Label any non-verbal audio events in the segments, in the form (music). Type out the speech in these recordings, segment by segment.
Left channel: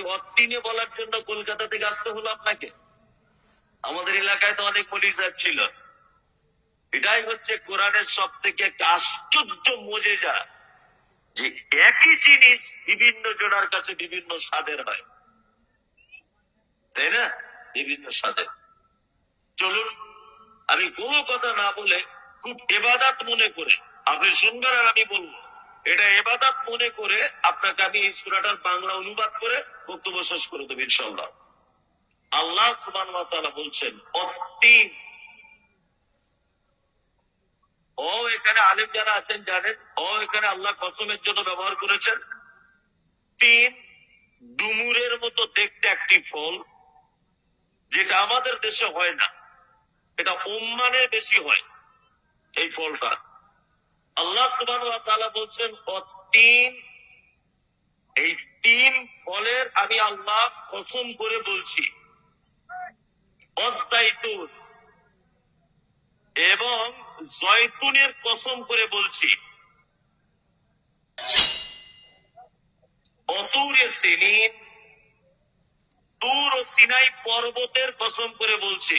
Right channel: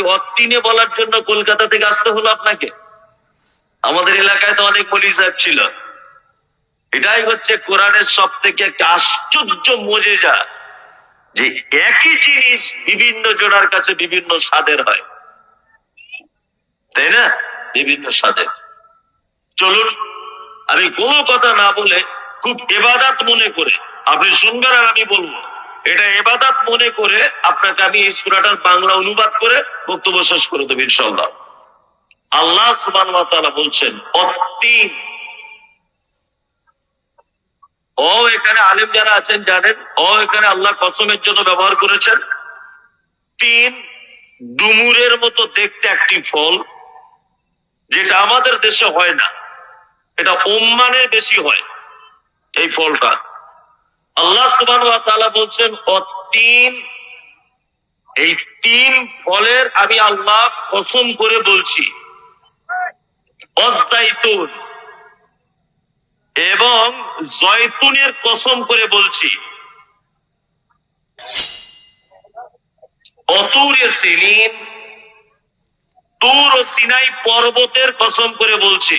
অত্তিনে বলার জন্য কলকাতা থেকে আসতে হলো আপনাকে। আমাদের এলাকায় তো অনেক মলি সাহেব ছিল। এটাই হচ্ছে কোরআনের সব থেকে একটা আশ্চর্য মজে যা যে একই জিনিস বিভিন্ন জোড়ার কাছে বিভিন্ন স্বাদের হয়। তাই না? বিভিন্ন স্বাদের। চলুন, আমি কোনো কথা না বলে খুব এবাদাত মনে করে, আপনি শুনবেন আর আমি বলব। এটা এবাদাত মনে করে আপনাকে আমি এই সুরাটার বাংলা অনুবাদ করে বক্তব্য শেষ করে দেবো ইনশাল্লাহ আল্লাহ সুবান বলছেন অত্তিম ও, এখানে আলেম যারা আছেন জানেন, ও, এখানে আল্লাহ কসমের জন্য ব্যবহার করেছেন। তিন, ডুমুরের মতো দেখতে একটি ফল, যেটা আমাদের দেশে হয় না। এটা ওম্মানে বেশি হয়, এই ফলটা। আল্লাহ সুবান বলছেন তিন এই তিন ফলের আমি আল্লাহ কসম করে বলছি। অস্তাইতুন এবং জয়তুনের কসম করে বলছি। অতুরে সিনিন তুর ও সিনাই পর্বতের কসম করে বলছি।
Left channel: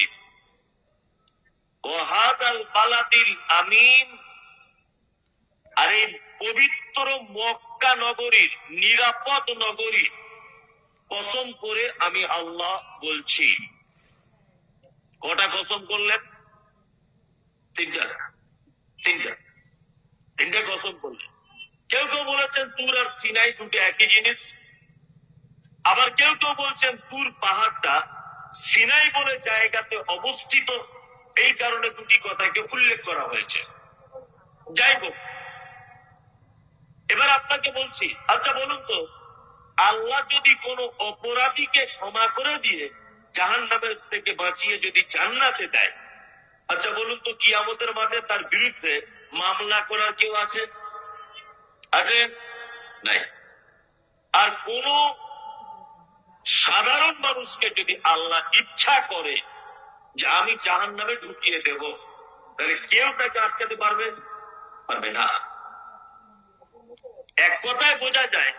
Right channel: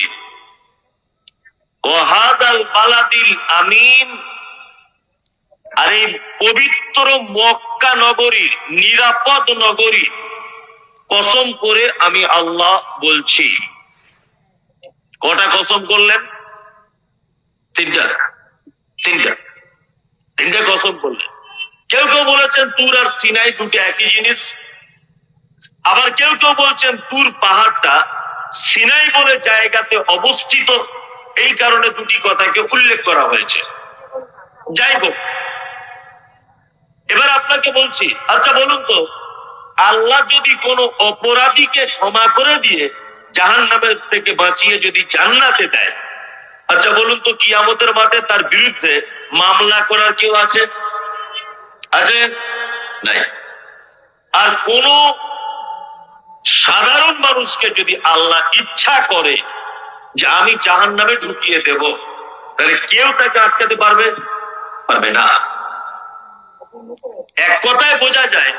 ওহাদাল বালাদিল আমিন আর এই পবিত্র মক্কা নগরীর নিরাপদ নগরী কসম করে আমি আল্লাহ বলছি। কটা কসম করলেন? তিনটা। তিনটা। তিনটা কসম করলেন। কেউ কেউ বলেছেন তুর আর সিনাই দুটো একই জিনিস। আবার কেউ কেউ বলছেন তুর পাহাড়টা সিনাই বলে জায়গাতে অবস্থিত, এই কারণে দুটি কথাকে উল্লেখ করা হয়েছে। যাই হোক এবার আপনাকে বলছি আচ্ছা বলুন তো, আল্লাহ যদি কোনো অপরাধীকে ক্ষমা করে দিয়ে জাহান নামের থেকে বাঁচিয়ে যদি জান্নাতে দেয় আচ্ছা বলুন তো কিয়ামতের মাঠে তার বিরুদ্ধে মামলা করার কেউ আছে? আছে? নাই। আর কোন সাধারণ মানুষকে যদি আল্লাহ ইচ্ছা করে যে আমি জাহান নামে ঢুকিয়ে দেব, তাহলে কেউ তাকে আটকাতে পারবে? পারবে না। এক কথায় বোঝা যায়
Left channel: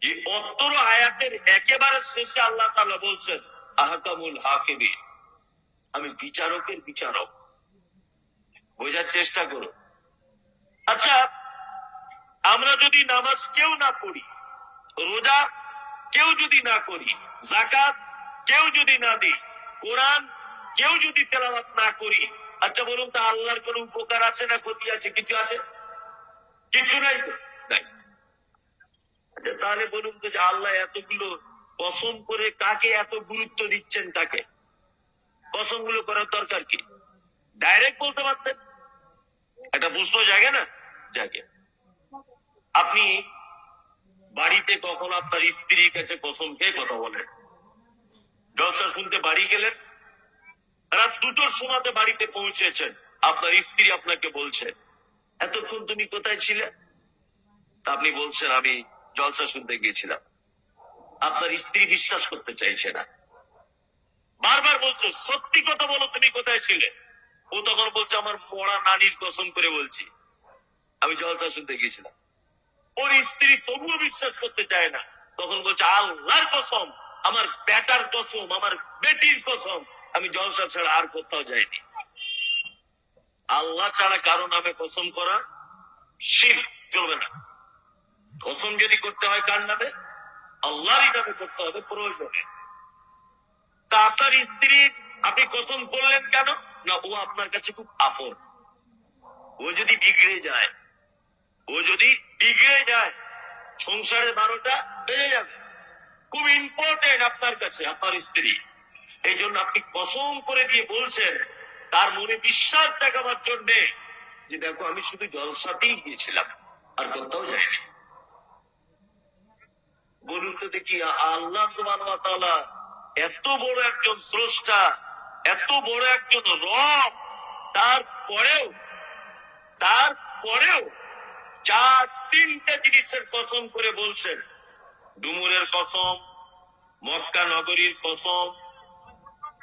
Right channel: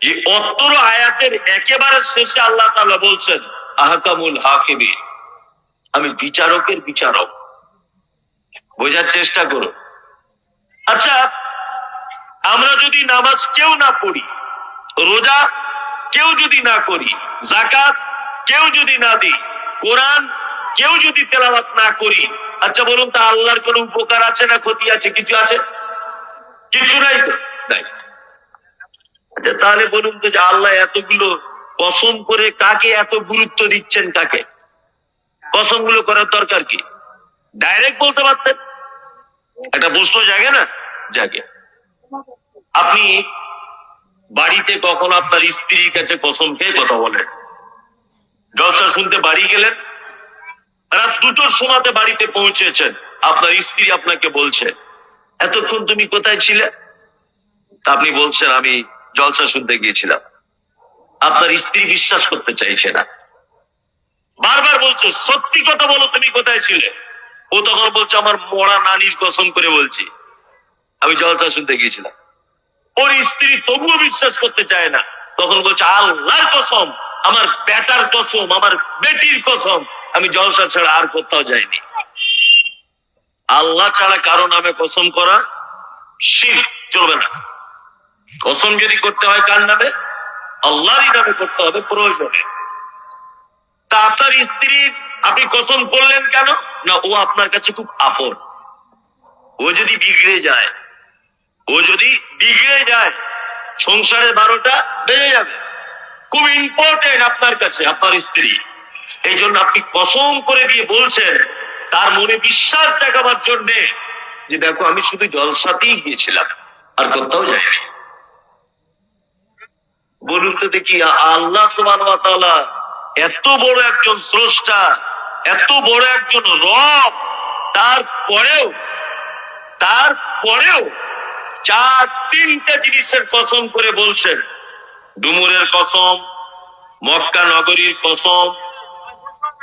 যে অত্তর আয়াতের একেবারে শেষে আল্লাহ তাআলা বলছেন, আহকামুল হাকিমি, আমি বিচারকের বিচারক। বোঝার চেষ্টা করো আচ্ছা আমরা যদি নামাজ কেউ না পড়ি, রোজা কেউ যদি না করি জাকাত কেউ যদি না দিই, কোরআন কেউ যদি তেলাওয়াত না করি আচ্ছা বলুন তা আল্লাহর কোনো উপকার আছে না ক্ষতি আছে? কিছু আছে? কিছু নাই তো। নাই। আচ্ছা তাহলে বলুন তো যে আল্লাহ এতগুলো কসম করে কাকে এত গুরুত্ব দিচ্ছেন কাকে? কসমগুলো করার দরকার কি? ডাইরেক্ট বলতে পারতেন? একটা প্রশ্ন জাগে না? জাগে। আপনি বাড়িতে কখন আপনার স্ত্রীর কাছে কসম খেয়ে কথা বলেন? জলসা শুনতে বাড়ি গেলেন? রাত দুটোর সময়তে বাড়িতে পৌঁছেছেন। আপনার স্ত্রী আপনাকে বলছে, এতক্ষণ তুমি কোথায় ছিলে? আপনি বলছেন, আমি জলসা শুনতে গিয়েছিলাম। আপনার স্ত্রী বিশ্বাস করতে চাইছে না। বারবার বলছো, সত্যি কথা বলো, তুমি কোথায় ছিলে? ও তখন বলছে, আমার মরা নানির কসম করে বলছি। আমি জলসা শুনতে গিয়েছিলাম। ওর স্ত্রী তবুও বিশ্বাস করতে চায় না। তখন বলছে, আল্লাহর কসম, আমার বেটার কসম, আমার বেটির কসম, আমি জলসা ছাড়া আর কোথাও যাইনি। আল্লাহ ছাড়া কারও নামে কসম করা শির, চলবে না। কসম যদি করতে হয় কার নামে? আল্লাহরই নামে করতে হবে, প্রয়োজনে। তা আপনার স্ত্রী, আপনি কসম করলেন কেন? না, ও আপনার কাছে খুব আপন। ও যদি বিগড়ে যায়, ও যদি বিগড়ে যায়, সংসারের বারোটা বেড়ে যাবে। খুব ইম্পর্টেন্ট আপনার কাছে, আপনার স্ত্রী। এই জন্য আপনি কসম করে দিয়ে বলছেন, তার মনে বিশ্বাস জাগাবার জন্যে যে, দেখো, আমি শুধু জলসাতেই গিয়েছিলাম, আর কোথাও যাইনি। বলুন তো দেখি, আল্লাহ সুবান এত বড় একজন স্রষ্টা, এত বড় একজন রব, তারপরেও তারপরেও চার তিনটা জিনিসের কসম করে বলছেন। ডুমুরের কসম, মক্কা নগরীর কসম,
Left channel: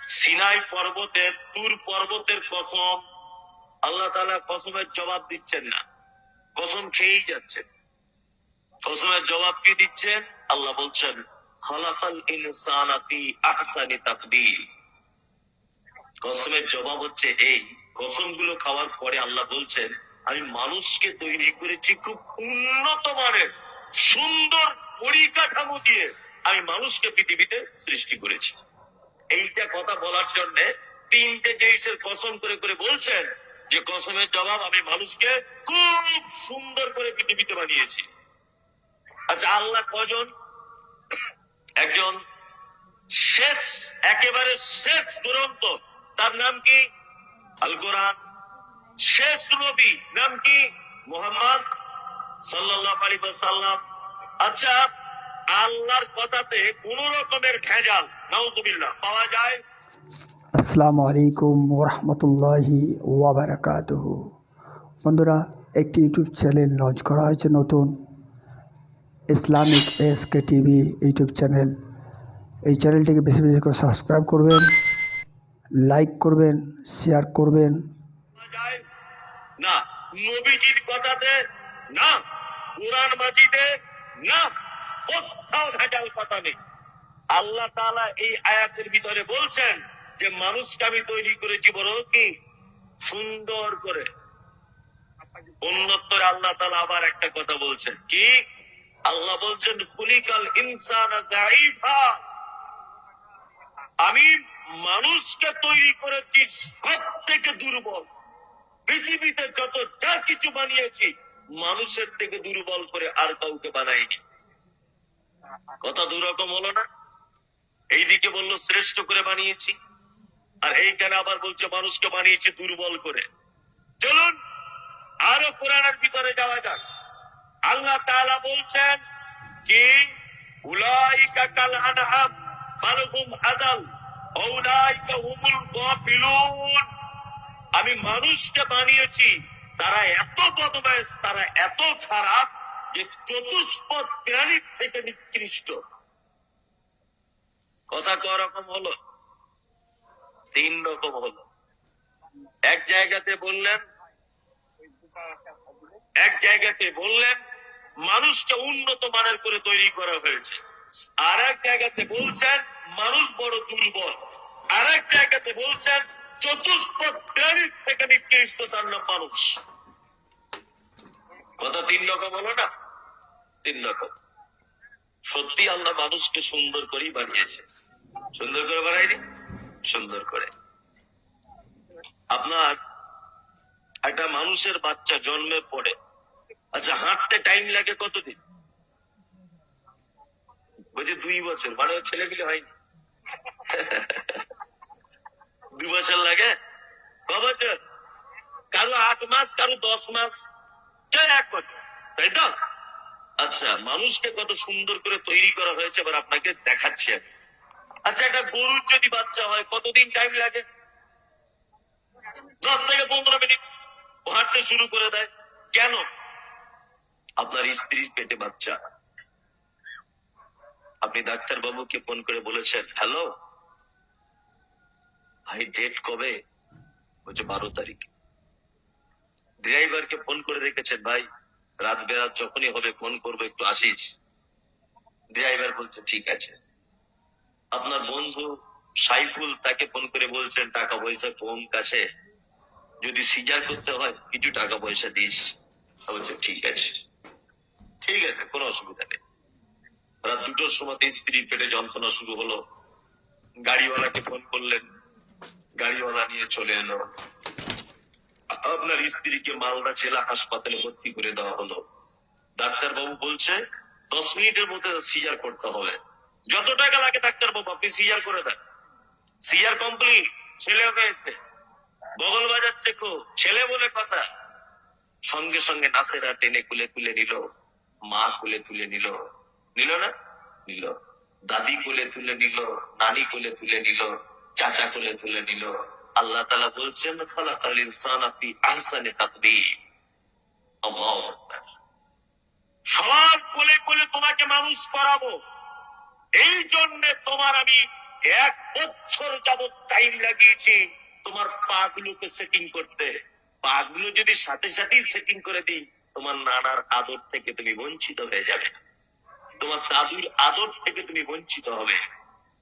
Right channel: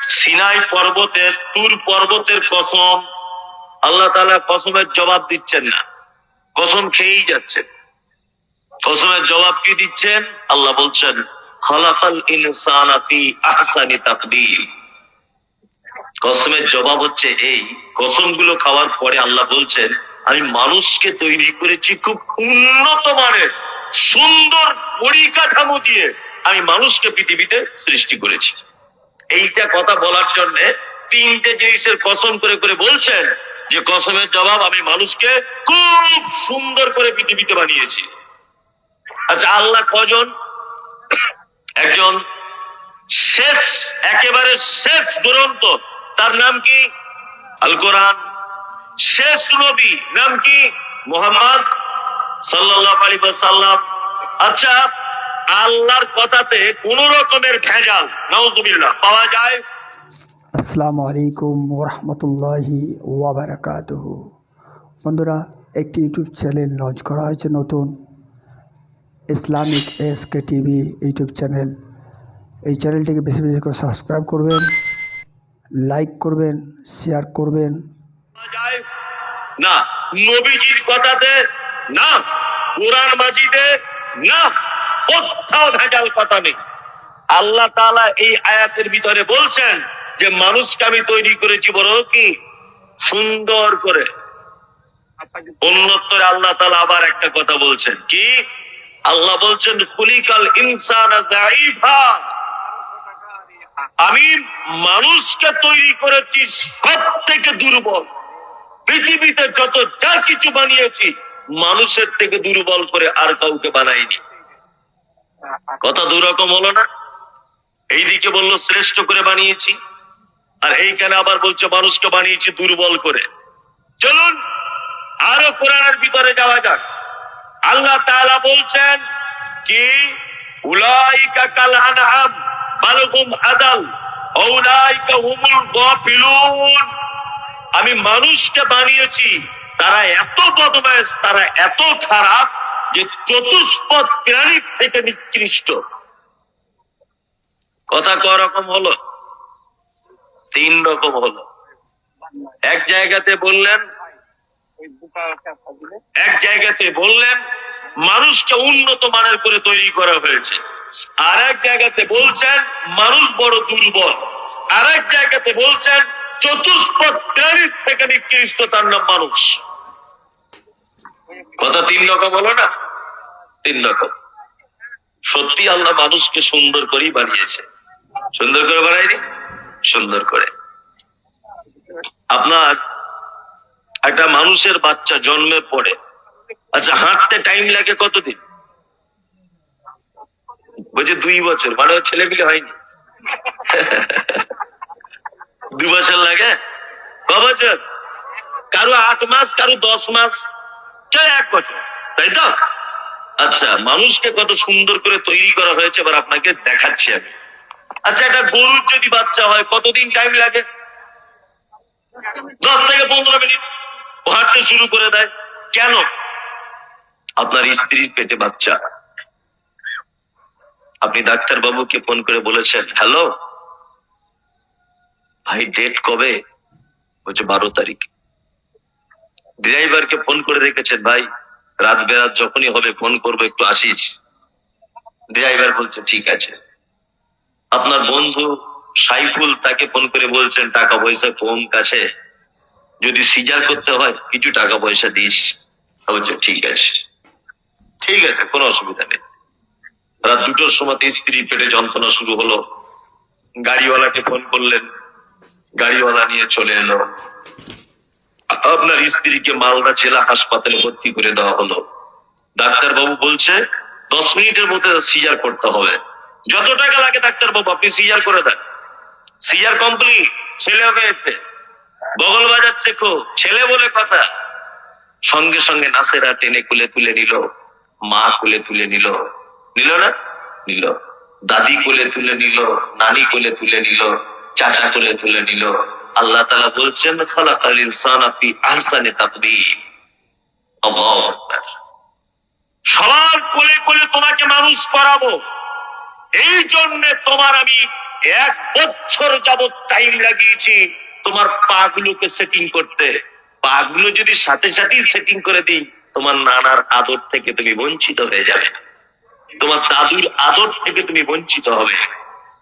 সিনাই পর্বতের, তুর পর্বতের কসম, আল্লাহ তালা কসমের জবাব দিচ্ছেন না। কসম খেয়েই যাচ্ছেন। কসমের জবাব কি দিচ্ছেন? আল্লাহ বলছেন কসমের জবাব হচ্ছে এই, কসমগুলো খাওয়ার পরে আল্লাহ বলছেন, আমি মানুষকে তৈরি করেছি খুব উন্নত মানের, সুন্দর পরিকাঠামো দিয়ে আমি মানুষকে পৃথিবীতে সৃষ্টি করেছি। এইটা কথা বলার জন্য তিনটে জিনিসের কসম করে করে বলছেন যে কসমের জবাব আমি মানুষকে খুব সুন্দর করে পৃথিবীতে বানিয়েছি। আচ্ছা আল্লাহ কজন? একজন শেষ, একেবারে শেষ দুরন্ত। তার নাম কি? আল কোরআন। শেষ নবী, নাম কি? মোহাম্মদ সাল্লাহ আলী সাল্লাম আচ্ছা আল্লাহর কথাতে কোন রকমের ভেজাল নওজুবিল্লাহ পাওয়া যায়? আসসালামু আলাইকুম ওরহমতুল্লাহি ওয়াবারাকাতুহ। বন্ধুরা, একটি ইউটিউব চ্যানেল লঞ্চ করা হয়েছে নতুন। Islamic S K TV YouTube channel. এই চ্যানেলটিকে বেশি বেশি করে সাবস্ক্রাইব করবেন, লাইক করবেন, শেয়ার করবেন। না, নবীজির কথাতে না, কোরআন না, কোথাও ভেজাল কথা নেই। আল্লাহ তাআলা এই আয়াতের ভিতরে বলছেন যে, মানুষকে আমি তৈরি করেছি বড় কি? সুন্দর করে। অন্যত্তরে আল্লাহ তাআলা আবার একটা কথা বলছেন। কি? আল্লাহ বলছেন, খুলিকাল ইনসান আমি মানুষকে তৈরি করেছি সব থেকে দুর্বল। পৃথিবীতে যত যা কিছু বানিয়েছি, মানুষের থেকে দুর্বল করে আর কাউকে বানাইনি। কথা দুরকম হলো না? এইদিকে বলল, শ্রেষ্ঠ করে বানিয়েছি। আর এইখানে আবার বলছে, মানুষকে বানিয়েছি দুর্বল করে। চলুন, আরও কোরআনের ভিতরে যাওয়া যাক। আল্লাহ তাআলা বলছেন কি? উলাইকা কাল আনআম বালহুম আদাল উলাইকা হুমুল গাফিলুন। আমি মানুষকে বানিয়েছি, তারা এত বদমাস তারা এত খারাপ যে চতুষ্পদ প্রাণীর থেকে নিকৃষ্ট। কথা ক রকম হলো? তিন রকম হলো। এক জায়গাতে বললেন এক জায়গাতে বললেন, মানুষকে উন্নত মানের করে তৈরি করা হয়েছে। আর এক জায়গাতে বলছেন, মানুষ বড় দুর্বল। আর এক জায়গাতে বলছেন, চতুষ্পদ প্রাণীর থেকে নিকৃষ্ট তার নাম মানুষ। কথা তিন রকম না? তিন রকম। সত্যি আল্লাহ মানুষকে সুন্দর করেই বানিয়েছে। সুন্দর করে বানায়নি? সুন্দর করে। আপনার একটা মানুষের বাচ্চা জন্মের পরে আচ্ছা হাঁটতে টাইম লাগে কতদিন? বলছে দুই বছর মানে ছেলে মিলে হয়নি। (laughs) দু বছর লাগে? ক বছর? কারও আট মাস, কারও দশ মাস কেউ এক বছর? তাই তো? আচ্ছা মানুষকে কত সুন্দর করে তৈরি করা হয়েছে, এবার আপনাকে দেখাচ্ছি আমি। আচ্ছা একটা গরুর যদি বাচ্চা হয়, কতদিন টাইম লাগে? দশ থেকে পনেরো মিনিট। ও হাঁটতে শুরু করে দেয়। কেন? আপনার স্ত্রীর পেটে বাচ্চা। আপনি ডাক্তার বাবুকে ফোন করে বলেছেন, হ্যালো, ভাই ডেট কবে? বলছে, বারো তারিখ। ড্রাইভারকে ফোন করে রেখেছেন, ভাই, রাত বেরাত যখনই হবে, ফোন করব, একটু আসিস। ড্রাইভার বলছে, ঠিক আছে। আপনার বন্ধু সাইফুল তাকে ফোন করে বলছেন, টাকা পয়সা কম কাছে? যদি সিজার করতে হয়, কিছু টাকা পয়সা দিস বলছে ঠিক আছে। ঠিক আছে, কোনো অসুবিধা নেই। রাত দুটোর সময় স্ত্রীর পেটে যন্ত্রণা শুরু হলো। গাড়িওয়ালাকে ফোন করলেন। গাড়িওয়ালা নিয়ে চলে এলো। আপনার স্ত্রীকে মালদা জেলা হাসপাতালে ভর্তি করে দেওয়া হলো। ডাক্তার বাবু বলছে, দশ মিনিটের মধ্যে সিজার করতে হবে। যত টাকা লাগে ডাক্তার বাবু আপনি সিজার করে দেন। সিজার কমপ্লিট, ছেলে হয়েছে। বগল বাজাচ্ছে খুব ছেলে বলে কথা। সঙ্গে সঙ্গে নাসেরা টেনে কুলে তুলে নিল, মা কুলে তুলে নিল। নিল না? নিল। দাদি কোলে তুলে নিল, নানি কোলে তুলে নিল, চাচা কোলে তুলে নিল। আল্লাহ তালা বলছেন, খালাকাল ইনসান আপনি আহসানে তাকদীর সবার কোলে কোলে তোমাকে মানুষ করাবো। এই জন্য তোমার আমি এক বছর যাবত টাইম লাগিয়েছি। তোমার পা গুলোকে সেটিং করতে। পা গুলো যদি সাথে সাথেই সেটিং করে দিই, তোমার নানার আদর থেকে তুমি বঞ্চিত হয়ে যাবে। তোমার দাদুর আদর থেকে তুমি বঞ্চিত হবে।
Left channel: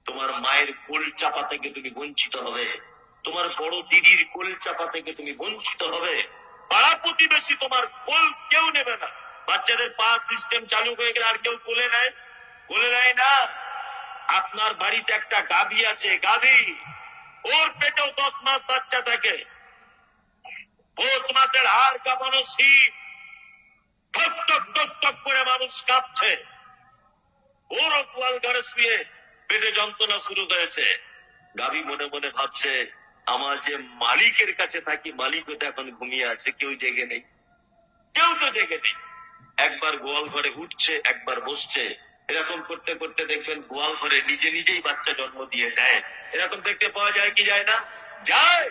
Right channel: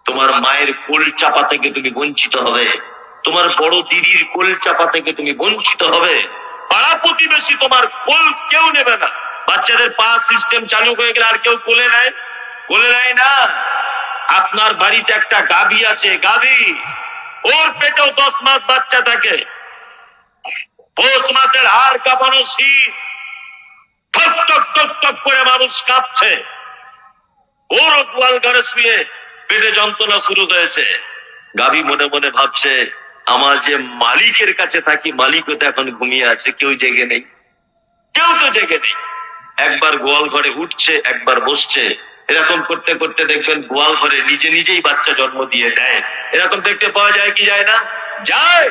তোমার মায়ের কোল চাপা থেকে তুমি বঞ্চিত হবে। তোমার বড় দিদির কোল চাপা থেকে তুমি বঞ্চিত হবে। পাড়া প্রতিবেশী তোমার কোল কেউ নেবে না। বাচ্চাদের পা সিস্টেম চালু হয়ে গেলে আর কেউ কোলে নেয়? কোলে নেয় না? আপনার বাড়িতে একটা গাভী আছে। গাভী ওর পেটেও দশ মাস বাচ্চা থাকে। মাসের হাড় কাঁপানো শীত। ঠক ঠক করে মানুষ কাঁপছে। গোয়াল ঘরে শুয়ে পেটে যন্ত্রণা শুরু হয়েছে। গাভী মনে মনে ভাবছে, আমার যে মালিকের কাছে থাকি, মালিকও তো এখন ঘুমিয়ে আছে, কেউ জেগে নেই। কেউ তো জেগে নেই। একবার গোয়াল ঘরে উঠছে, একবার বসছে এরকম করতে করতে দেখবেন গোয়াল ঘরে নিজে নিজেই বাচ্চা জন্ম দিয়ে দেয়। এরকম দেখতে পাওয়া যায় কি যায় না? যায়!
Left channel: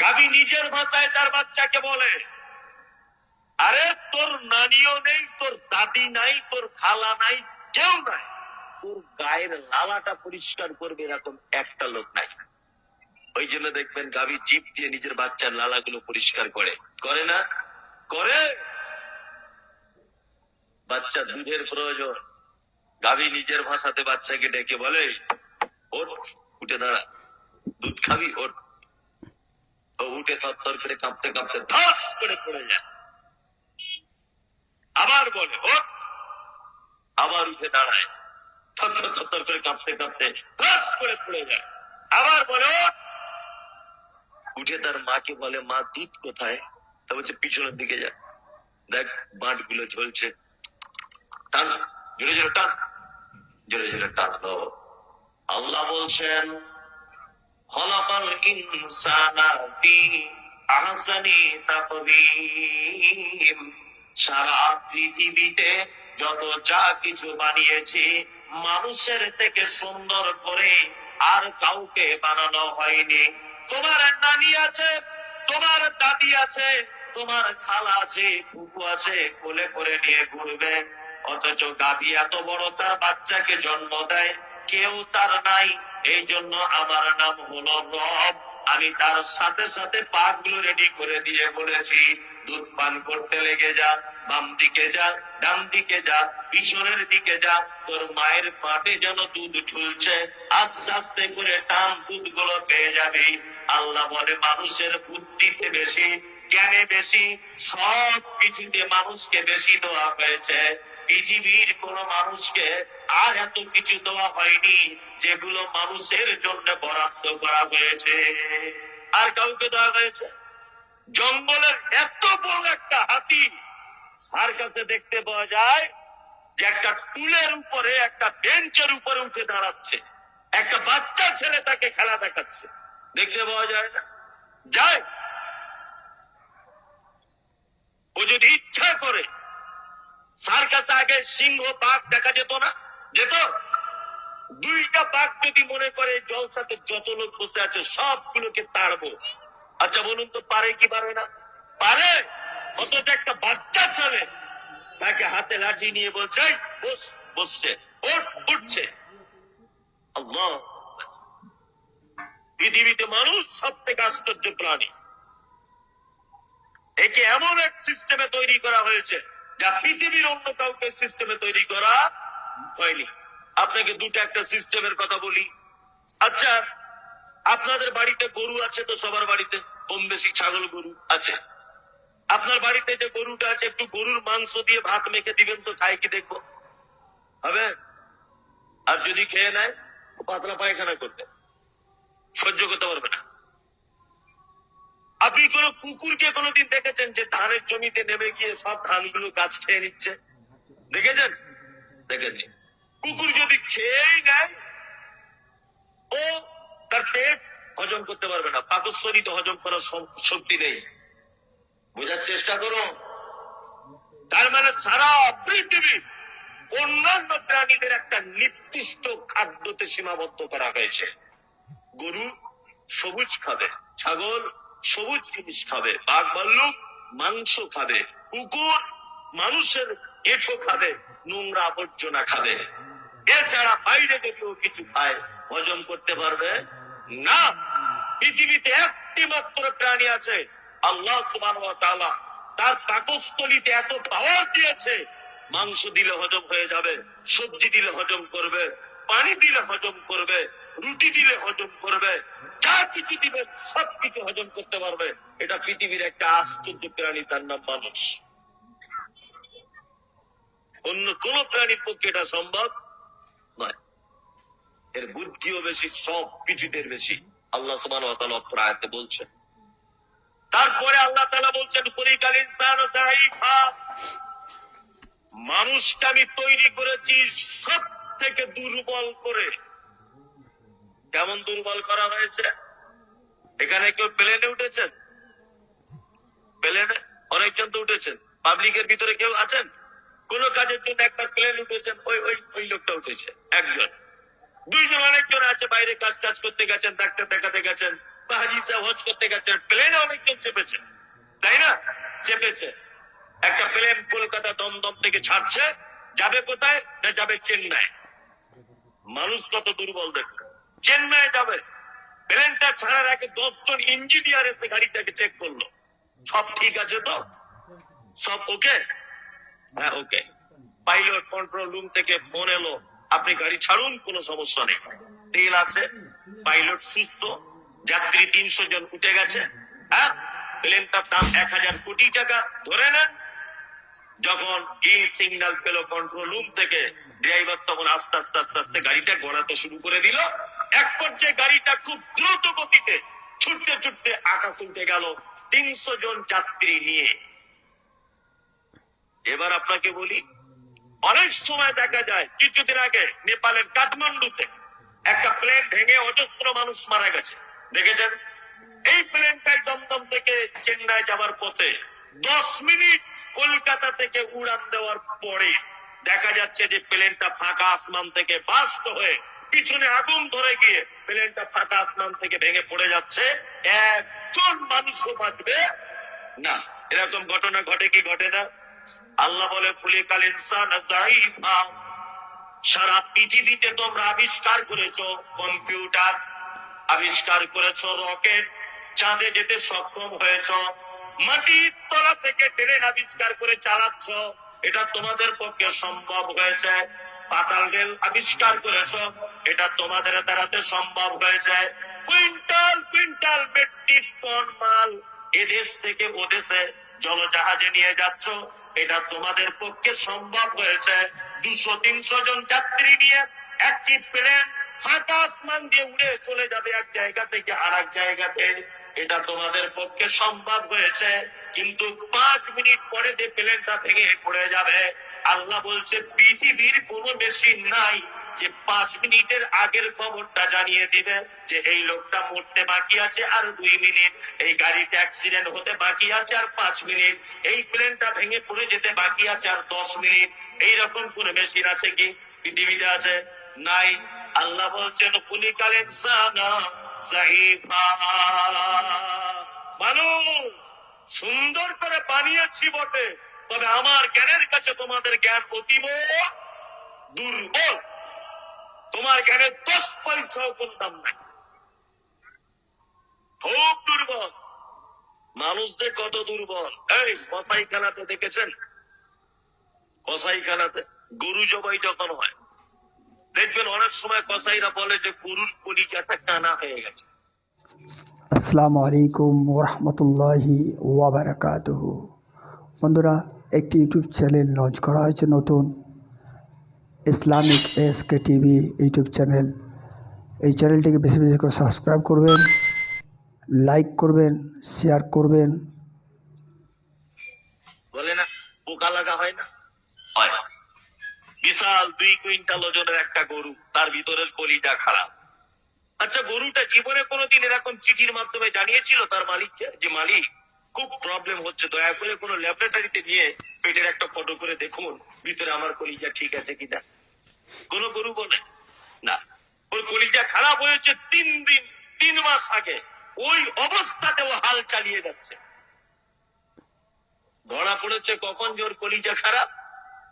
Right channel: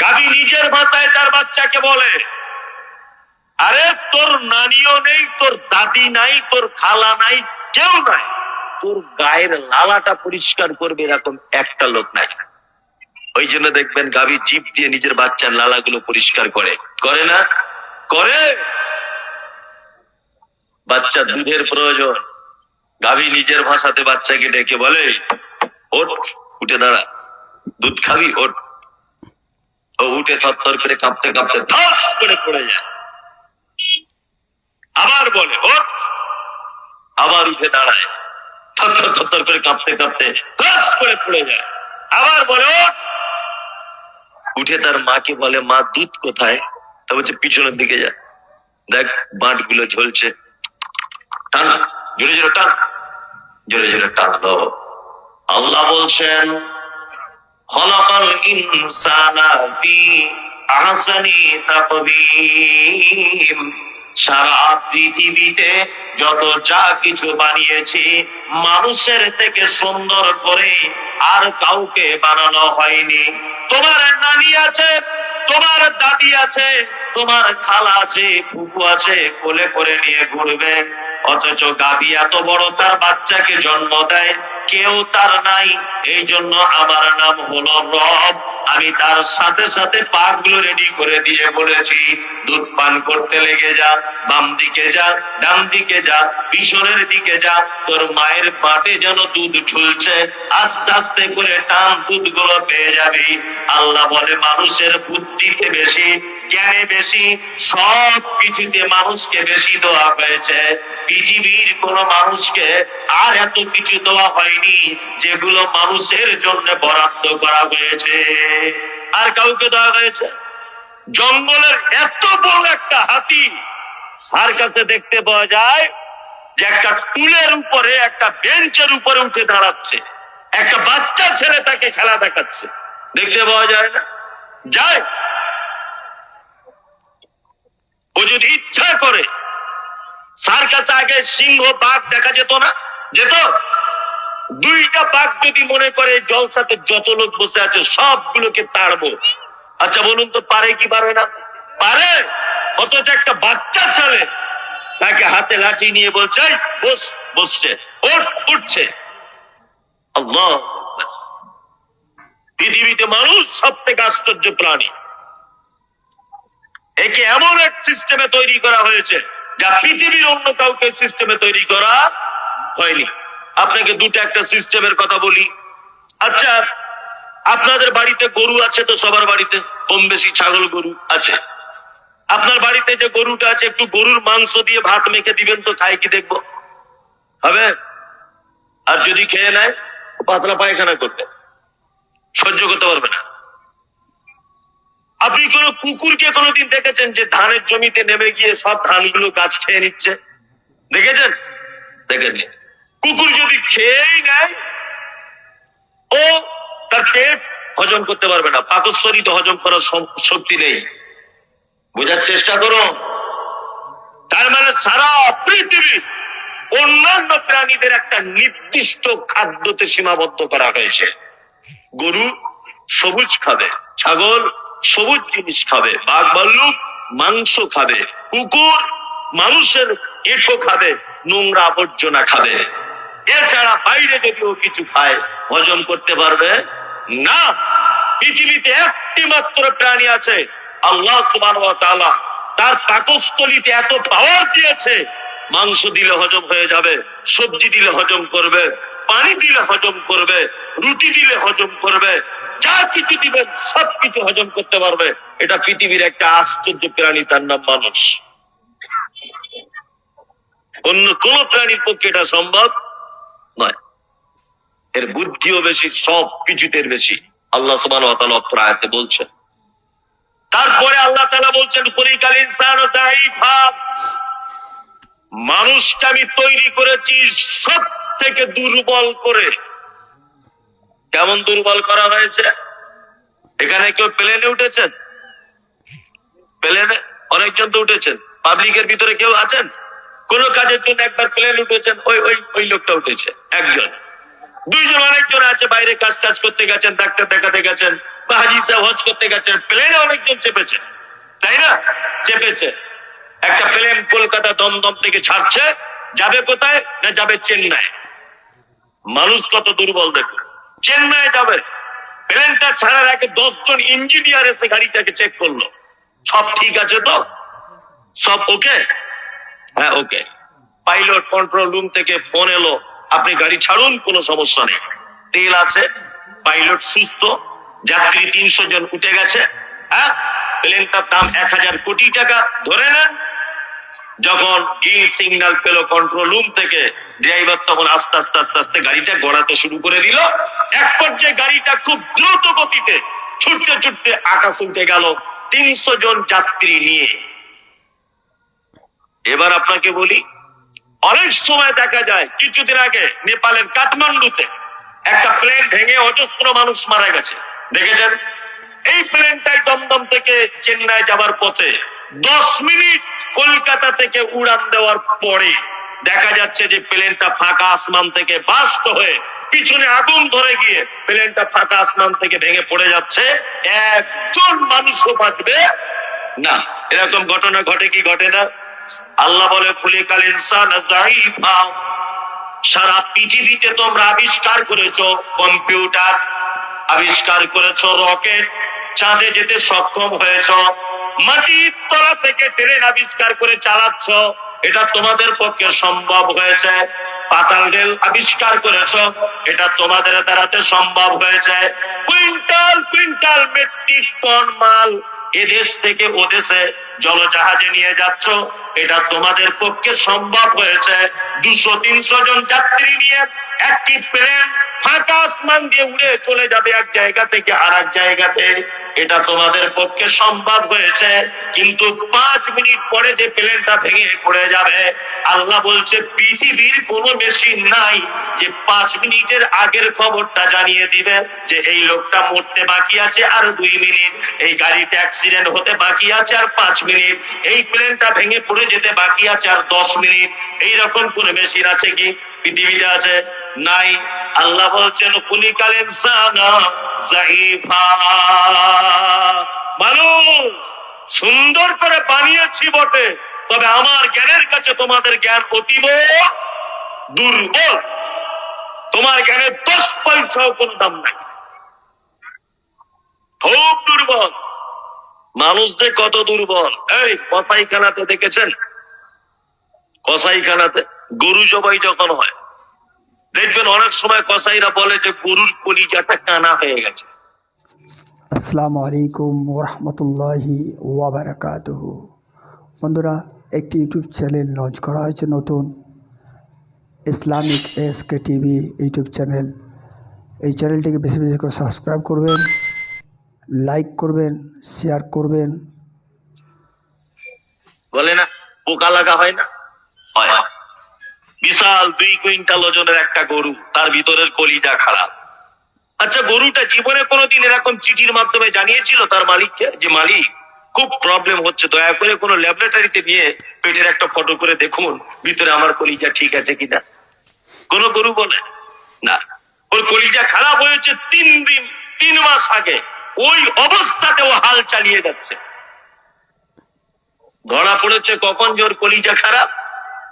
গাভী নিজের ভাষায় তার বাচ্চাকে বলে, আরে, তোর নানিও নেই, তোর দাদি নাই, তোর খালা নাই, কেউ নাই। তোর গায়ের লালাটা পরিষ্কার করবে এরকম একটা লোক নাই। ওই জন্য দেখবেন গাভী জিপ দিয়ে নিজের বাচ্চার লালাগুলো পরিষ্কার করে। করে না? করে! বাচ্চার দুধের প্রয়োজন। গাভী নিজের ভাষাতে বাচ্চাকে ডেকে বলে, ওঠ, উঠে দাঁড়া। দুধ খাবি, ওঠ। ও উঠে থরথর করে কাঁপতে কাঁপতে ধস করে পড়ে যায়। আবার বলে, ওঠ। আবার উঠে দাঁড়ায়। থরথর থরথর করে কাঁপতে কাঁপতে ধস করে পড়ে যায়। আবার বলে, ওঠ। উঠে তার মাকে বলে, মা, দুধ কোথায়? তা বলছে, পিছনের দিকে যা। দেখ বাঁটগুলো ঝলছে। টান জোরে জোরে টান জোরে জোরে টানলো। আল্লাহ বলছেন ফি আহসানি তাকবীম। সারা পৃথিবীতে যত যা কিছু বানিয়েছি, মানুষের থেকে সুন্দর করে আর কাউকে বানানো হয়নি। তোমার নানি আছে, তোমার দাদি আছে, তোমার খালা আছে ফুপু আছে, কোলে করে নিয়ে ঘুরবে। অথচ গাবি এত বড় তার বাচ্চাকে জন্ম দেয়, কেউ তার নাই এই জন্য আমার নাম হলো রব। আমি তার সাথে সাথে পাকগুলো রেডি করে দিয়ে বলেছি, দুধ পান করতে লেগে যা, বাম দিকে যা, ডান দিকে যা, পিছনের দিকে যা, তোর মায়ের পাটে যেন দুধ ঝুলছে, আস্তে আস্তে করে টান দুধগুলো পেয়ে যাবি। আল্লাহ বলে, মানুষের বুদ্ধিতে বেশি, জ্ঞানে বেশি, সব কিছুতে মানুষকে বেশি দেওয়া হয়েছে। পৃথিবীর কোন মানুষকে আর এত কিছু দেওয়া হয়নি, যেগুলো মানুষের জন্য বরাদ্দ করা হয়েছে। আর কাউকে দেওয়া হয়েছে। জঙ্গলের এত বড় একটা হাতি, সার কাছে দেখতে পাওয়া যায় যে একটা টুলের উপরে, একটা বেঞ্চের উপরে উঠে দাঁড়াচ্ছে। একটা বাচ্চা ছেলে তাকে খেলা দেখাচ্ছে। দেখতে পাওয়া যায় না। যায় ও যদি ইচ্ছা করে, সার কাছে আগে সিংহ, বাঘ দেখা যেত না? যেত? দুইটা বাঘ যদি মনে করে জলসাতে যত লোক বসে আছে, সবগুলোকে তাড়বো। আচ্ছা বলুন তো, পারে কি পারে না? পারে! অথচ একটা বাচ্চা ছেলে তাকে হাতে লাঠি নিয়ে বলছে বস, বসছে উঠছে। আল্লাহ পৃথিবীতে মানুষ সব থেকে আশ্চর্য প্রাণী। একে এমন এক সিস্টেমে তৈরি করা হয়েছে, যা পৃথিবীর অন্য কাউকে সিস্টেমে তৈরি করা হয়নি। আপনাকে দুটো একটা সিস্টেমের কথা বলি। আচ্ছা আপনাদের বাড়িতে গরু আছে তো সবার বাড়িতে? কম বেশি ছাগল, গরু আছে। আপনার বাড়িতে যে গরুটা আছে, একটু গরুর মাংস দিয়ে ভাত মেখে দিবেন তো, খাই কি দেখব? হবে? আর যদি খেয়ে নেয়, পাতলা পায়খানা করবে। সহ্য করতে পারবে না। আপনি কোন কুকুরকে কোনোদিন দেখেছেন যে ধানের জমিতে নেমে গিয়ে সব ধানগুলো গাছ খেয়ে নিচ্ছে? দেখেছেন? দেখেননি। কুকুর যদি খেয়েই নেয়, ও তার পেট হজম করতে পারবে না। পাকস্থলী তো হজম করার শক্তি নেই। বোঝার চেষ্টা করো। তার মানে সারা পৃথিবী অন্যান্য প্রাণীদের একটা নির্দিষ্ট খাদ্যতে সীমাবদ্ধ করা হয়েছে। গরু সবুজ খাবে, ছাগল সবুজ জিনিস খাবে, বাঘ ভাল্লুক মাংস খাবে, কুকুর মানুষের এঁঠো খাবে, নোংরা আবর্জনা খাবে। এছাড়া বাইরে যদি ও কিছু খায়, হজম করতে পারবে? না। পৃথিবীতে একটি মাত্র প্রাণী আছে, আল্লাহ সুবান তার পাকস্থলিতে এত পাওয়ার দিয়েছে, মাংস দিলে হজম হয়ে যাবে, সবজি দিলে হজম করবে, পানি দিলে হজম করবে, রুটি দিলে হজম করবে, যা কিছু দিবেন সব কিছু হজম করতে পারবে। এটা পৃথিবীর একটা আশ্চর্য প্রাণী, তার নাম মানুষ। অন্য কোন প্রাণীর পক্ষে এটা সম্ভব নয়। এর বুদ্ধিও বেশি, সব বেশি। আল্লাহ সুবান আয়াতে বলছেন। তারপরে আল্লাহ তালা বলছেন মানুষকে আমি তৈরি করেছি সব থেকে দুর্বল করে। কেমন দুর্বল করা হয়েছে? এখানে কেউ প্লেনে উঠেছেন? প্লেনে অনেকজন তো উঠেছেন। পাবলিকের ভিতরে কেউ আছেন? কোন কাজের জন্য একবার প্লেন উঠেছেন ওই ওই ওই লোকটা উঠেছে, একজন। দুইজন অনেকজন আছে, বাইরে কাজ টাজ করতে গেছেন, ডাক্তার দেখাতে গেছেন, বা হাজি সাহেব হজ করতে গেছেন প্লেনে অনেকজন চেপেছে, তাই না? চেপেছে। একটা প্লেন কলকাতা দমদম থেকে ছাড়ছে, যাবে কোথায় না যাবে চেন্নাই? মানুষ কত দুর্বল দেখো চেন্নাই যাবে। প্লেনটা ছাড়ার আগে দশজন ইঞ্জিনিয়ার এসে গাড়িটাকে চেক করল। সব ঠিক আছে তো? সব ওকে হ্যাঁ ওকে পাইলট কন্ট্রোল রুম থেকে ফোন এলো, আপনি গাড়ি ছাড়ুন, কোনো সমস্যা নেই। তেল আছে পাইলট সুস্থ, যাত্রী তিনশো জন উঠে গেছে হ্যাঁ? দাম এক হাজার কোটি টাকা, ধরে যখন গ্রিন সিগন্যাল পেল কন্ট্রোল রুম থেকে ড্রাইভার তখন আস্তে আস্তে আস্তে আস্তে গাড়িটা গড়াতে শুরু করে দিল। এক পর্যায়ে গাড়িটা খুব দ্রুত গতিতে ছুটতে ছুটতে আকাশ উঠে গেল তিনশো জন যাত্রী নিয়ে। এবার আপনাকে বলি, অনেক সময় দেখা যায়, কিছুদিন আগে নেপালের কাঠমান্ডুতে একটা প্লেন ভেঙে অজস্র মানুষ মারা গেছে। দেখেছেন? এই প্লেনটাই দমদম থেকে চেন্নাই যাবার পথে দশ মিনিট কলকাতা থেকে উড়ান দেওয়ার পরে দেখা যাচ্ছে যে প্লেনটা ফাঁকা আসমান থেকে বাস্ত হয়ে পিছনে আগুন ধরে গিয়ে প্লেনটা ফাঁকা আসমান থেকে ভেঙে পড়ে যাচ্ছে। একজন মানুষও বাঁচবে? না, এরকম ঘটনা ঘটে কি ঘটে না? আল্লাহ বলে খুলিকাল ইনসান সারা পৃথিবীতে তোমরা আবিষ্কার করেছ কম্পিউটার, আবিষ্কার করেছ রকেট, চাঁদে যেতে সক্ষম হয়েছ, মাটির তলা থেকে ট্রেন আবিষ্কার করে চালাচ্ছ। এটা তোমাদের পক্ষে সম্ভব হয়েছে। পাতাল রেল আবিষ্কার করেছ, এটা তোমাদের দ্বারাতে সম্ভব হয়েছে। কুইন্টাল কুইন্টাল মেট্রিক টন মাল এদেশ থেকে ও দেশে জলজাহাজে নিয়ে যাচ্ছ, এটা তোমাদের পক্ষে সম্ভব হয়েছে। দুশো তিনশো জন যাত্রী নিয়ে একটি প্লেন ফাঁকা আসমান দিয়ে উড়ে চলে যাবে এক জায়গা থেকে আর এক জায়গাতে। এটা তোমাদের পক্ষে সম্ভব হয়েছে, কিন্তু পাঁচ মিনিট পরে যে প্লেনটা ভেঙে পড়ে যাবে, আল্লাহ বলছে, পৃথিবীর কোনো মেশিন নাই যে পাঁচ মিনিটের আগের খবরটা জানিয়ে দিবে যে এই লোকটা মরতে বাকি আছে আর দুই মিনিট, এই গাড়িটা অ্যাক্সিডেন্ট হতে বাকি আছে আর পাঁচ মিনিট, এই প্লেনটা ভেঙে পড়ে যেতে বাকি আছে আর দশ মিনিট। এইরকম কোন মেশিন আছে কি? পৃথিবীতে আছে? নাই। আল্লাহ বলছেন কুলিকাল ইনসানা, জাইফা। সুন্দর করে বানিয়েছি বটে, তবে আমার জ্ঞানের কাছে তোমাদের জ্ঞান অতীব দুর্বল। তোমার জ্ঞানের দশ পয়সাও কোনো দাম নাই। খুব দুর্বল। মানুষ যে কত দুর্বল। এই, কসাইখানাতে দেখেছেন? কসাইখানাতে গরু জবাই যখন হয় দেখবেন অনেক সময় কসাইরা বলে যে গরুর কলিজাটা কানা হয়ে গেছে। আসসালামু আলাইকুম ওরহমতুল্লাহি ওয়াবারাকাতুহু। বন্ধুরা একটি ইউটিউব চ্যানেল লঞ্চ করা হয়েছে নতুন। Islamic S K TV YouTube channel. এই চ্যানেলটিকে বেশি বেশি করে সাবস্ক্রাইব করবেন লাইক করবেন শেয়ার করবেন। বলে না পোকা লাগা হয় না? হয়। বিশাল দুই কুইন্টাল ওজনের একটা গরু, তার ভিতরের কলিজা খারাপ। আচ্ছা গরুটা জীবনে কোনোদিন এরকম চিঠির মাধ্যমে জানিয়েছিল তার মালিককে? যে মালিক, খুব প্রবলেম হচ্ছে, দয়া করে কোনো ল্যাবরেটরিতে নিয়ে পেটের একটা ফটো করে দেখুন, ভিতরে আমার কলিজা ঠিক আছে কিনা। কোন গরু বলে? না। ওর কলিজা খারাপ হয়েছে তিন দিন, তিন মাস আগে। ওই অবস্থাতে ও হাল চালিয়ে যাচ্ছে। ধরা পড়েছে কখন যে ওর কলিজা খারাপ?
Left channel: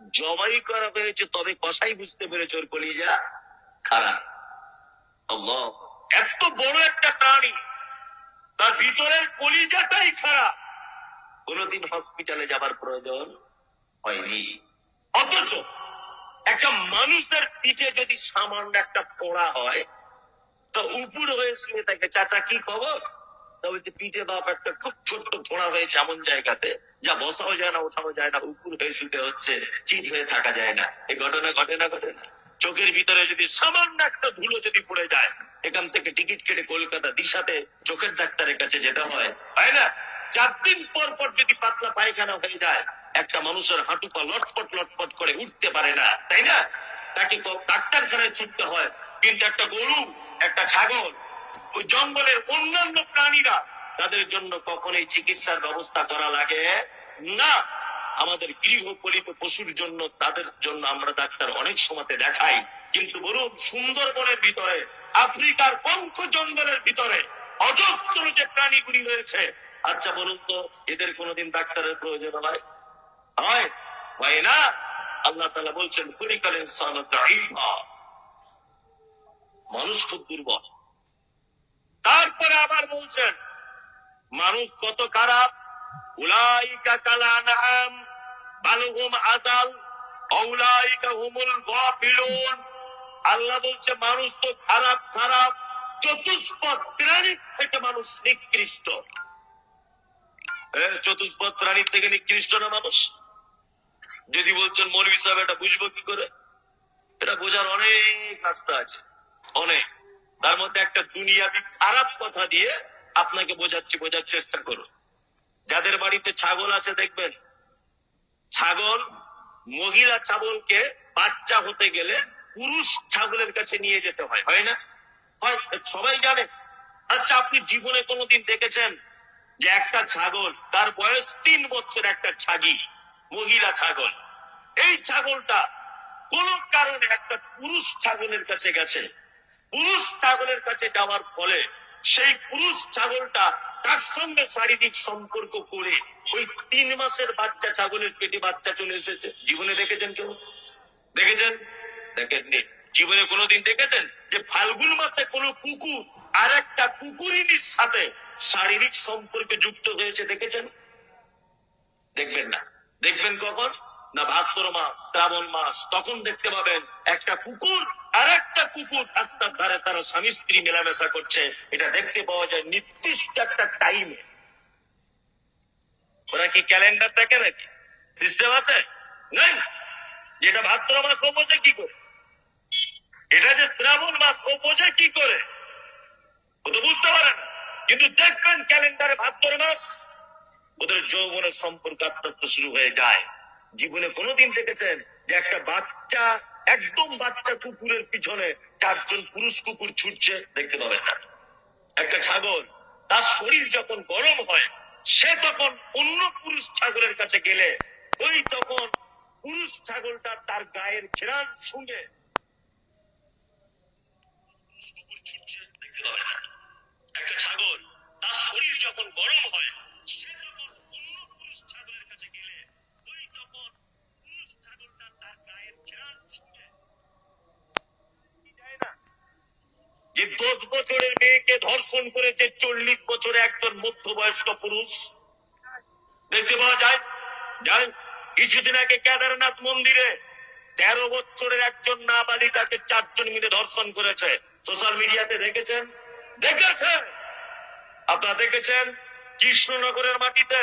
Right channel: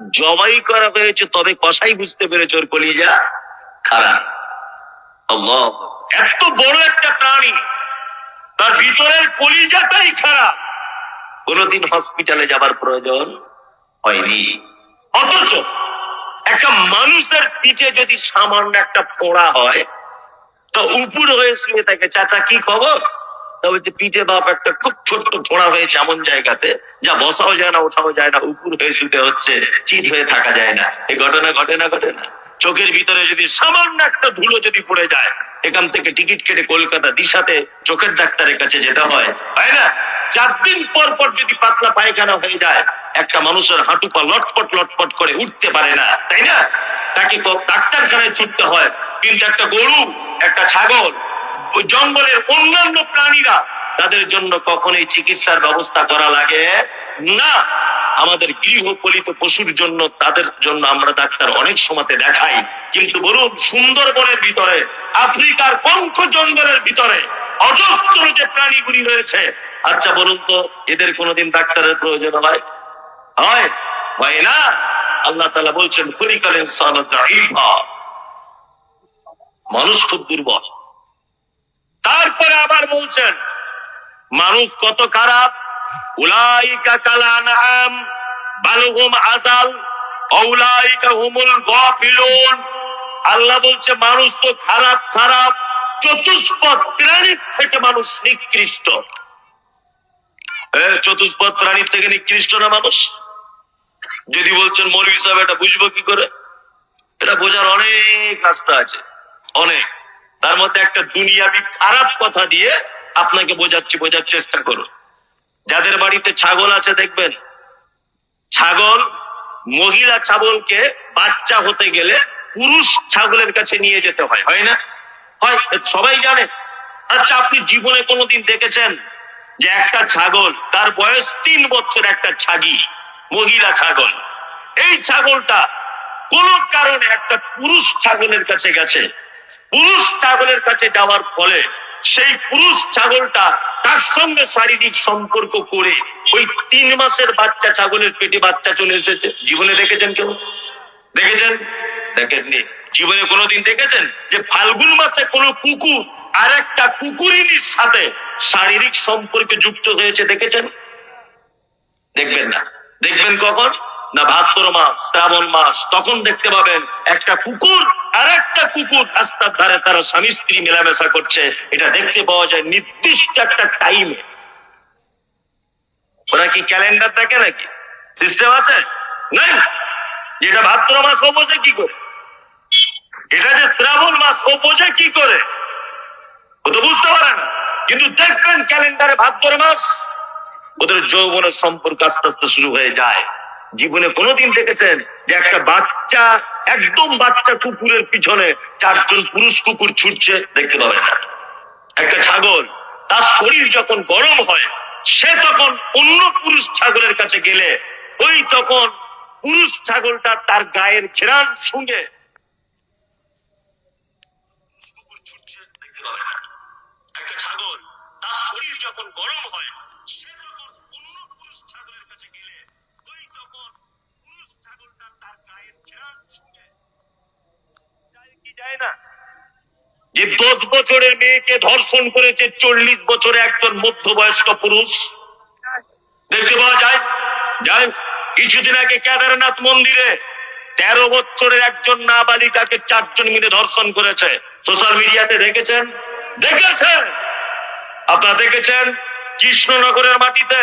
জবাই করা হয়েছে, তবে কষাই বুঝতে পেরেছে ওর কলিজা খারাপ। এত বড় একটা প্রাণী, তার ভিতরের কলিজাটাই খারাপ। কোনোদিন হসপিটালে যাবার প্রয়োজন হয়নি। অথচ একটা মানুষের পিঠে যদি সামান্য একটা ফোড়া হয়, তো উপর হয়ে শুয়ে থাকে। চাচা, কি খবর? তবে যে পিঠে বাপ একটা খুব ছোট্ট ফোড়া হয়েছে এমন জায়গাতে, যা বসাও যায় না, ওঠাও যায় না, উপর হয়ে শুতে হচ্ছে, চিত হয়ে থাকা যায় না। এই ঘটনা ঘটে না ঘটে না। চোখের ভিতরে যদি সামান্য একটা ধুলো যদি পড়ে যায়, এখান থেকে টিকিট কেটে কলকাতা দিশাতে চোখের ডাক্তারের কাছে যেতে হয়। তাই না? চার দিন পর পর যদি পাতলা পায়খানা হয়ে যায়, একটা মানুষের হাঁটু পা লটপট লটপট করে উঠতে পারে না। তাই না? তাকে ডাক্তারখানায় ছুটতে হয়। কিন্তু একটা গরু, একটা ছাগল ওই জঙ্গলের অন্যান্য প্রাণীরা তাদের জন্য কখনোই চিকিৎসার ব্যবস্থা করা লাগে না। আমাদের গৃহপালিত পশুর জন্য তাদের জন্য আমরা ডাক্তার অনেক সময়তে দেখাই। কিন্তু বলুন, সুন্দরবনের ভিতরে, আফ্রিকার পঙ্খ জঙ্গলের ভিতরে অজস্র যে প্রাণীগুলি রয়েছে আচ্ছা বলুন তো, এদের কোনোদিন ডাক্তারের প্রয়োজন হয়? হয়? হয় না? আল্লাহ তালা বলছেন খরিকাল মানুষ খুব দুর্বল। তারপরে আবার বলছেন, মানুষ কত খারাপ? উলাইকা কালানাম বালুহুম আজাল অউলাইকা হুমুল গাফিলুন। আল্লাহ বলছে, মানুষ তো খারাপ খারাপ, চতুষ্পদ প্রাণীর থেকে মানুষ নিকৃষ্ট। চতুষ্পদ প্রাণীর থেকে নিকৃষ্ট না মানুষ? যদি বলছেন, মৌলভী সাহেব, এটা বুঝব কি করে? এটা বোঝার অনেক রাস্তা আছে, অনেক। তার মধ্যে একটা দুনিয়াবি খারাপ কথা দিয়ে আপনাকে বোঝাচ্ছি, বোঝার চেষ্টা করুন। যাদের বাড়িতে ছাগল আছে, দেখবেন, ছাগল মহিলা ছাগলকে বাচ্চা হতে গেলে পুরুষ ছাগলের কাছে নিয়ে যেতে হয় হয় না? হয়, সবাই জানে। আচ্ছা আপনি জীবনে কোনোদিন দেখেছেন যে একটা ছাগল, তার বয়স তিন বছর একটা ছাগি, মহিলা ছাগল। এই ছাগলটা কোন কারণে একটা পুরুষ ছাগলের কাছে গেছে। পুরুষ ছাগলের কাছে যাওয়ার ফলে সেই পুরুষ ছাগলটা তার সঙ্গে শারীরিক সম্পর্ক করে ওই তিন মাসের বাচ্চা ছাগলের পেটে বাচ্চা চলে এসেছে। জীবনে দেখেছেন কেউ? দেখেছেন? দেখেননি। জীবনে কোনোদিন দেখেছেন যে ফাল্গুন মাসে কোনো কুকুর আর একটা কুকুরিনীর সাথে শারীরিক সম্পর্কে যুক্ত হয়েছে দেখেছেন? দেখবেন না। দেখবেন কখন? না ভাদ্র মাস, শ্রাবণ মাস, তখন দেখতে পাবেন একটা কুকুর আর একটা কুকুর রাস্তার ধারে তারা স্বামী, স্ত্রী মেলামেশা করছে। এটা দেখতে পাওয়া যায় নির্দিষ্ট একটা টাইমে ওরা কি ক্যালেন্ডার দেখে নাকি? সিস্টেম আছে? নাই। যেটা ভাদ্র মাস ও বোঝে কি করে? এটা যে শ্রাবণ মাস ও বোঝে কি করে? ও তো বুঝতে পারে না। কিন্তু দেখবেন ক্যালেন্ডারে ভাদ্র মাস, ওদের যৌবনের সম্পর্ক আস্তে আস্তে শুরু হয়ে যায়। জীবনে কোনোদিন দেখেছেন যে একটা বাচ্চা, একদম বাচ্চা কুকুরের পিছনে চারজন পুরুষ কুকুর ছুটছে, দেখতে পাবেন না। একটা ছাগল, তার শরীর যখন গরম হয়, সে তখন অন্য পুরুষ ছাগলের কাছে গেলে, ওই তখন পুরুষ ছাগলটা তার গায়ের ঘেরান শুঙে একটা ছাগল তার শরীর যখন গরম হয় সে তখন অন্য পুরুষ ছাগলের কাছে গেলে ওই তখন পুরুষ ছাগলটা তার গায়ের ঘেরান শুঙে যায় কি যায় না যে দশ বছরের মেয়েকে ধর্ষণ করেছে চল্লিশ বছরে একজন মধ্যবয়স্ক পুরুষ। দেখতে পাওয়া যায় যায় কিছুদিন আগে কেদারনাথ মন্দিরে তেরো বছরের একজন নাবালিকাকে চারজন মিলে ধর্ষণ করেছে। সোশ্যাল মিডিয়াতে দেখেছেন? দেখেছেন? আপনারা দেখেছেন? কৃষ্ণনগরের মাটিতে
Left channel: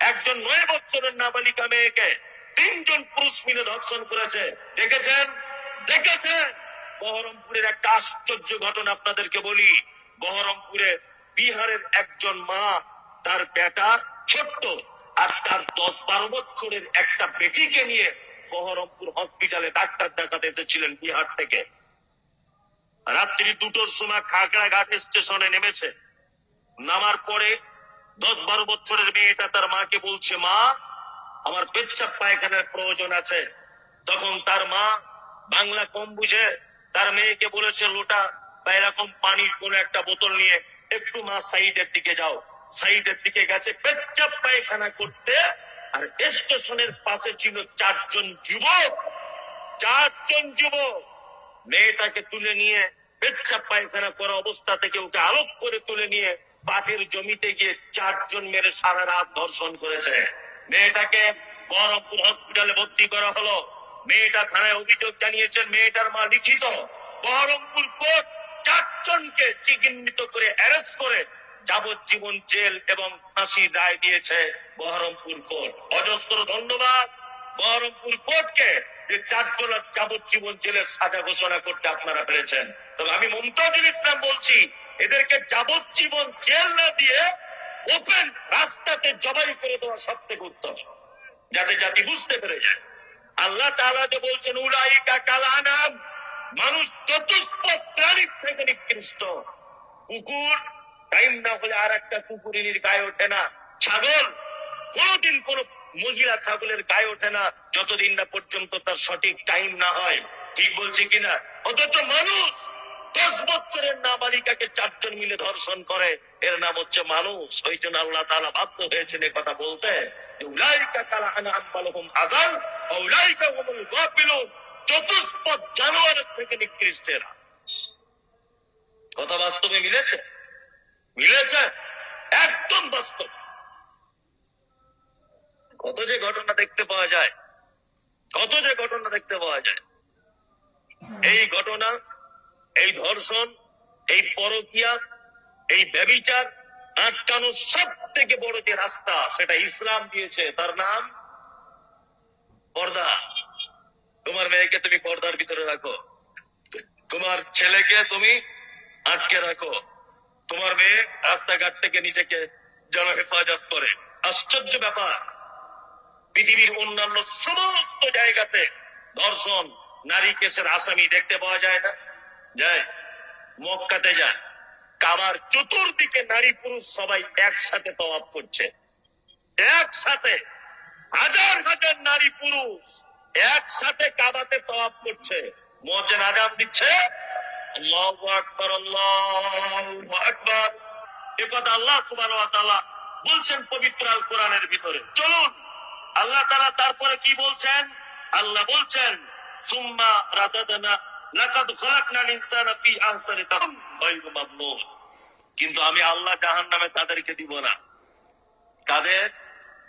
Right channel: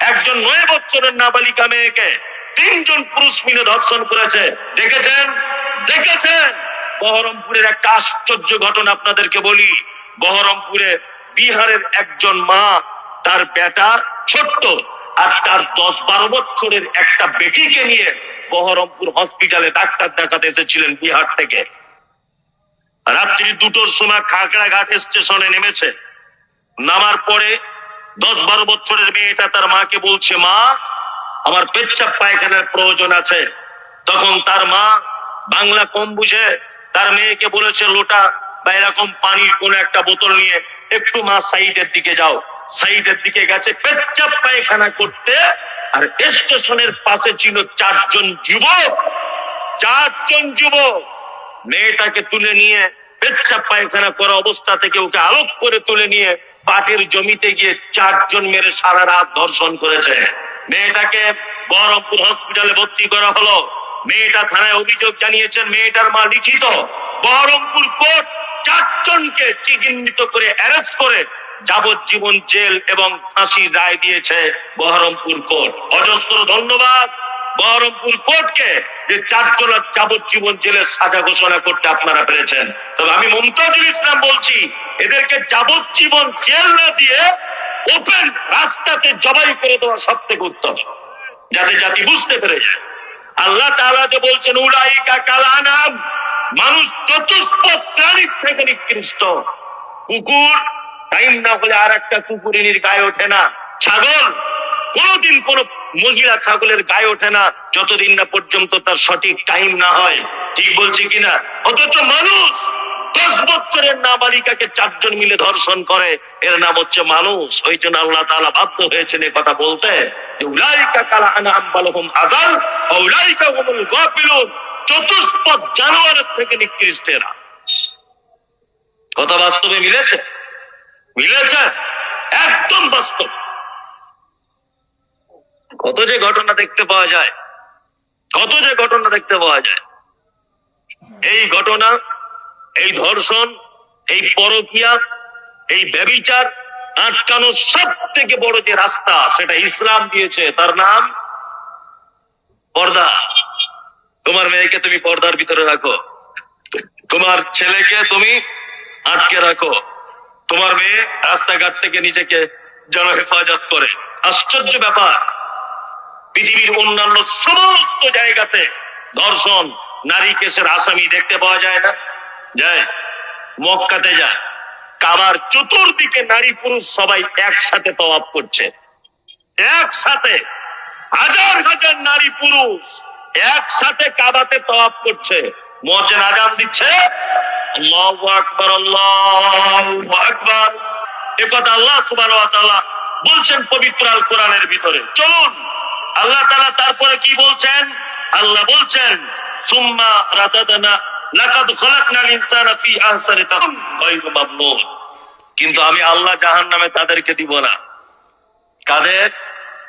একজন নয় বছরের নাবালিকা মেয়েকে তিনজন পুরুষ মিলে ধর্ষণ করেছে। দেখেছেন? দেখেছেন? বহরমপুরের একটা আশ্চর্য ঘটনা আপনাদেরকে বলি। বহরমপুরে বিহারের একজন মা, তার বেটা ছোট্ট আর তার দশ বারো বছরের একটা বেটিকে নিয়ে বহরমপুর হসপিটালে ডাক্তার দেখাতে এসেছিলেন বিহার থেকে। রাত্রি দুটোর সময় খাগড়াঘাট স্টেশনে নেমেছে। নামার পরে দশ বারো বছরের মেয়েটা তার মাকে বলছে, মা, আমার পেচ্ছাপ পায়খানার প্রয়োজন আছে। তখন তার মা বাংলা কম বুঝে তার মেয়েকে বলেছে, লোটা, বা এরকম পানির কোন একটা বোতল নিয়ে একটু মা সাইডের দিকে যাও। সাইডের দিকে গেছে পেচ্ছাপ পায়খানা করতে, আর স্টেশনের পাশে ছিল চারজন যুবক। চারজন যুবক। মেয়েটাকে তুলে নিয়ে পেচ্ছাপ পায়খানা করা অবস্থা থেকে ওকে আলোক করে তুলে নিয়ে পাটের জমিতে গিয়ে চারজন মেরে সারা রাত ধর্ষণ করেছে। মেয়েটাকে বহরমপুর হসপিটালে ভর্তি করা হলো। মেয়েটা থানায় অভিযোগ জানিয়েছেন, মেয়েটার মা লিখিত বহরমপুর কোর্ট চারজনকে চিহ্নিত করে অ্যারেস্ট করে যাবজ্জীবন জেল এবং ফাঁসির রায় দিয়েছে বহরমপুর কোর্ট। অজস্র ধন্যবাদ বহরমপুর কোর্টকে যে চারজনের যাবজ্জীবন জেলের সাজা ঘোষণা করতে আপনারা পেরেছেন। তবে আমি মমতাজুল ইসলাম বলছি, এদেরকে যাবজ্জীবন জেল না দিয়ে ওপেন রাস্তাতে জবাই করে দেওয়া সব থেকে উত্তম, যাতে জাতি বুঝতে পেরে যায়। আল্লাহ তালা যে বলছেন, উলাইকা কালানাম মানুষ চতুষ্পদ প্রাণীর থেকে নিকৃষ্ট। কুকুর, টাইম না হলে আর একটা কুকুরিনীর গায়ে ওঠে না। ছাগল, কোনদিন কোন মহিলা ছাগলের গায়ে ওঠে না, যতদিন না পর্যন্ত তার সঠিক টাইম না হয়। ঠিক বলছি কিনা? অথচ মানুষ দশ বছরের নাবালিকাকে চারজন মিলে ধর্ষণ করে, এর নাম হচ্ছে মানুষ। ওই জন্য আল্লাহ তাআলা বাধ্য হয়েছেন এ কথা বলতে। কত যে ঘটনা দেখতে পাওয়া যায়, কত যে ঘটনা দেখতে পাওয়া যায়। এই ঘটনা এই ধর্ষণ, এই পরকিয়া, এই ব্যবিচার আটকানোর সব থেকে বড় যে রাস্তা, সেটা ইসলাম দিয়েছে। তার নাম পর্দা। তোমার মেয়েকে তুমি পর্দার ভিতরে রাখো। তোমার ছেলেকে তুমি আটকে রাখো। তোমার মেয়ে রাস্তাঘাট থেকে নিজেকে যেন হেফাজত করে। আশ্চর্য ব্যাপার। পৃথিবীর অন্যান্য সমস্ত জায়গাতে ধর্ষণ, নারী কেসের আসামি দেখতে পাওয়া যায় না। যায় মক্কাতে যায় কাবার চতুর্দিকে নারী পুরুষ সবাই একসাথে তওয়াব করছে। একসাথে, হাজার হাজার নারী পুরুষ একসাথে কাবাতে তওয়াব করছে। মজের আজান দিচ্ছে। আল্লাহু বলছেন পবিত্র আল কোরআনের ভিতরে। চলুন, আল্লাহ তারপরে কি বলছেন? আল্লাহ বলছেন, সুম্মা রাদাদানা লাকাদ খলাকনাল ইনসানা ফি আহসানি কিন্তু আমি আল্লাহ জাহান্নামে তাদেরকে দিব না। কাদের?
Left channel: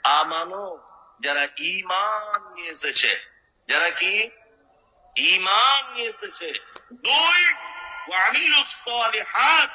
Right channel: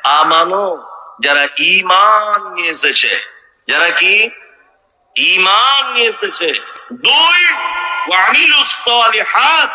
আমানো, যারা ঈমান নিয়ে এসেছে। যারা কি? ঈমান নিয়ে এসেছে। দুই, ওয়া আমিলুস সালিহাত।